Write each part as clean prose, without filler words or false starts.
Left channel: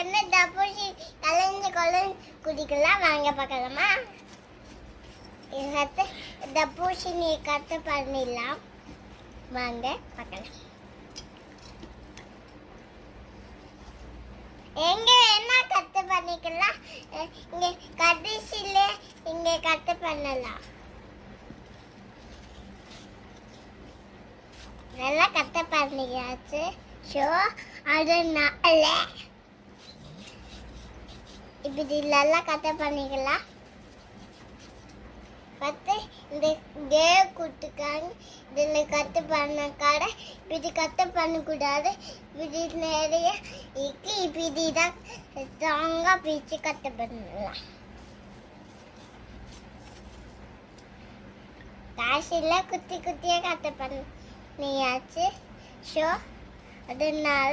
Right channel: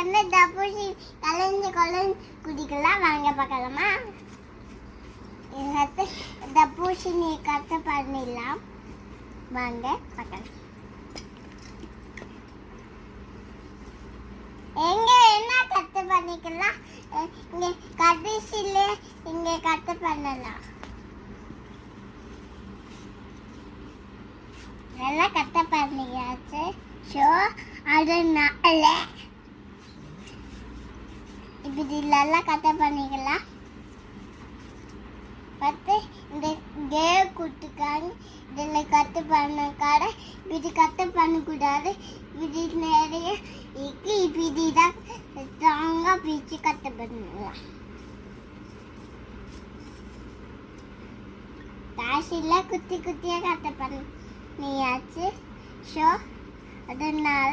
என்ன தப்பூசி கலைஞ்சு கொலைஞ்சு குடிக்கலாம் வாங்க பார்க்கலாமா? இது தப்பூசி நீ கட்டு பண்ணிடலாம் வாங்க பார்க்கலாம். எங்க என்ன கட்டு பண்ணிக்கலாம்? இங்க கடைசியில இங்க கட்டு பண்ணலாம். நல்லா கட்டு பண்ணியாச்சு. ஸோ அதனால இப்படி நல்லா கட்டு பண்ணிக்கலாம். பத்து இந்த கே குட்டுக்காங்க இதில் கட்டு பண்ண கடை இப்படி கட்டு பண்ணக்கூடாது. இப்படி நிறைய இப்படி தான் ஸ்ட்ராங்காக பிடிச்சி கட்டு பண்ணலாம். காசில் குத்தி குத்தியாக கட்டு பண்ணியாச்சு. ஸோ அதனால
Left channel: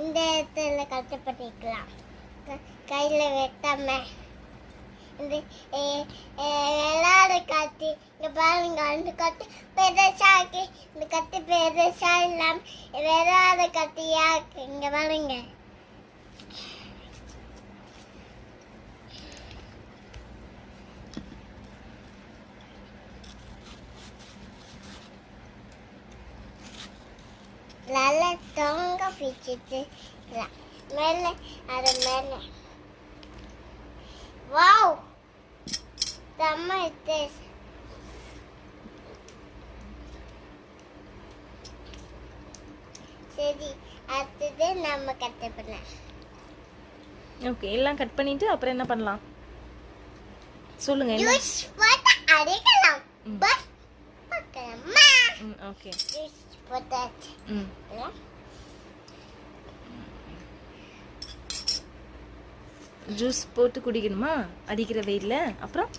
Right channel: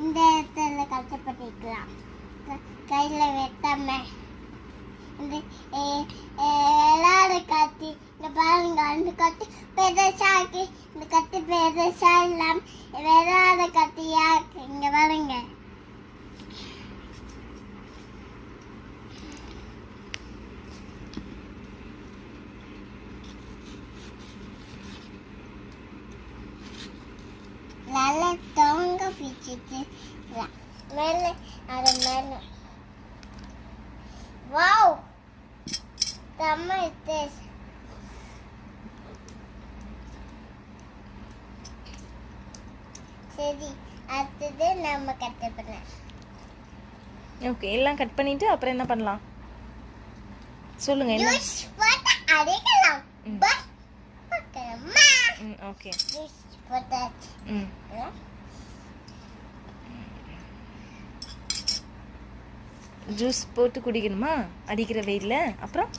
இந்த இடத்துல கட்டு பண்ணிக்கலாம். கையில் வெட்டாம இந்த எல்லாரும் கத்தி இங்க பாருங்க. அந்த கட்டு பெருசாக்கி இந்த கட்டு பெருசா இல்லாம வேறாத கத்தியா இங்க பாருங்க. நல்லா தொங்க பிடிச்சிட்டு மேலே அது மேலே. வாவ் செம்ம டேஸ்ட். சரி அடுத்தது நம்ம கட் பண்ணலாம். ஓகே எல்லாம் கட் பண்ணிட்டு அப்புறம் என்ன பண்ணலாம் சொல்லுங்க. என்ன ஜூஸ் போட்டு அடிக்கலாம். பஸ் பார்க்கலாமா? ஓகே ஜூஸ் போட்டாச்சு. ஜூஸ் போட்டு குடிக்கணுமா அடிக்கிற வெயில்ல? அப்புறம்